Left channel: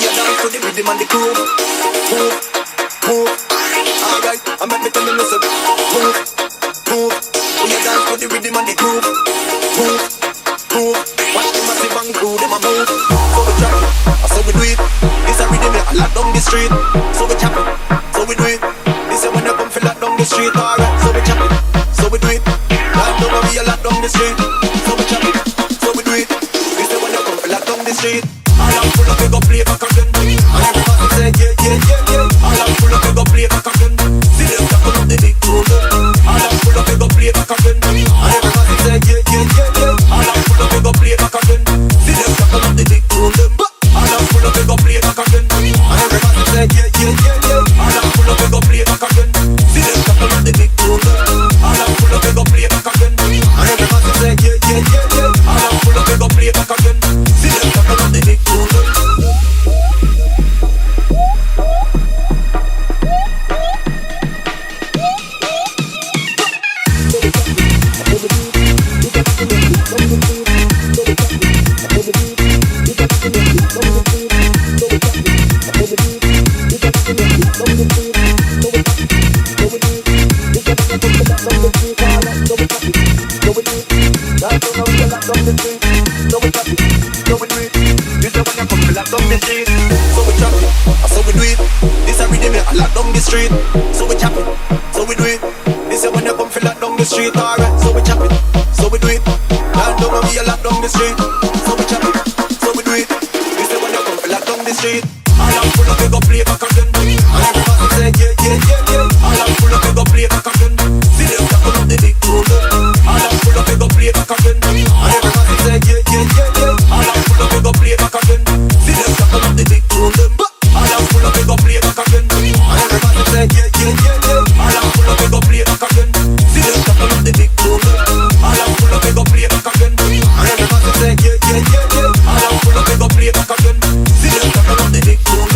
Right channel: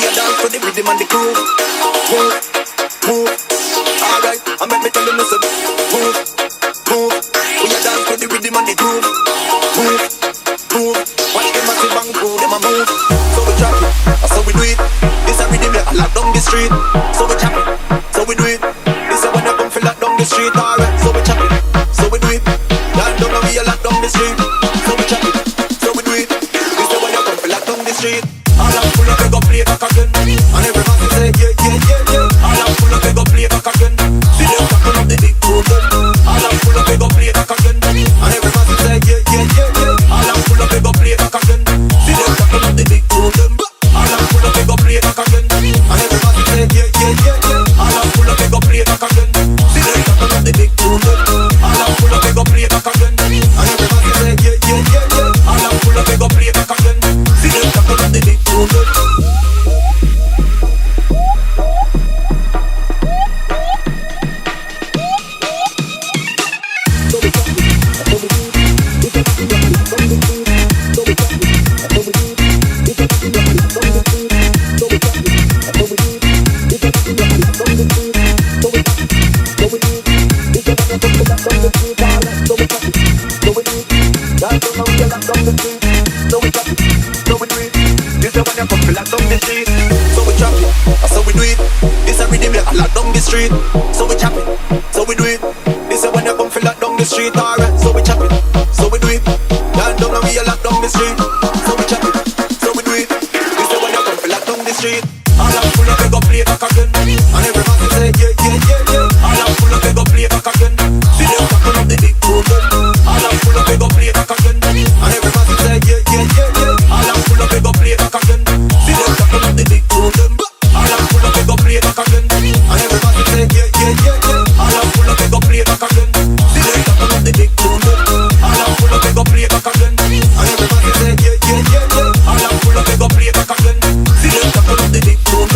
We a dance to the rhythm and the groove. Move, move. Alright, I make me tell you listen. Move, move. We a dance to the rhythm and the groove. Move, move. Watch the massive and crew, them a move. So we drop it, so we do it. This a rhythm I lock down the street. So we chop it, so we do it. This a when you come feel lock down the street. Alright, so we chop it, so we do it. Lock down and we a lock down the street. So we chop it, so we do it. This a when you come feel lock down the street. All I'm full of we go play back again. And everybody say yeah, yeah, yeah, yeah. All I'm full of we go play back again. See them tackle up the big tune. All I'm full of we go play back again. And everybody say yeah, yeah, yeah, yeah. All I'm full of we go play back again. See them tackle up the big tune. All I'm full of we go play back again. And everybody say yeah, yeah, yeah, yeah. All I'm full of we go play back again. See them tackle up the big tune. All I'm full of we go play back again. And everybody say yeah, yeah, yeah, yeah. All I'm full of we go play back again. See them tackle up the big tune. Street, so we chop it, so we do it. This is when you come feel lock down the street, alright. So we chop it, so we do it. Down down and we a lock down the street, so we chop it, so we do it. This is when you come feel lock down the street. All I'm full of we go play back again, and everybody say yeah, yeah, yeah, yeah. All I'm full of we go play back again. See them tackle up the big tune. All I'm full of we go play back again, and everybody say yeah, yeah, yeah, yeah. All I'm full of we go play back again. See them tackle up the big tune. All I'm full of we go play back again, and everybody say yeah, yeah, yeah, yeah. All I'm full of we go play back again. See them tackle up the big tune. All I'm full of we go play back again, and everybody say yeah, yeah, yeah, yeah. All I'm full of we go play back again. See them tackle up the big tune.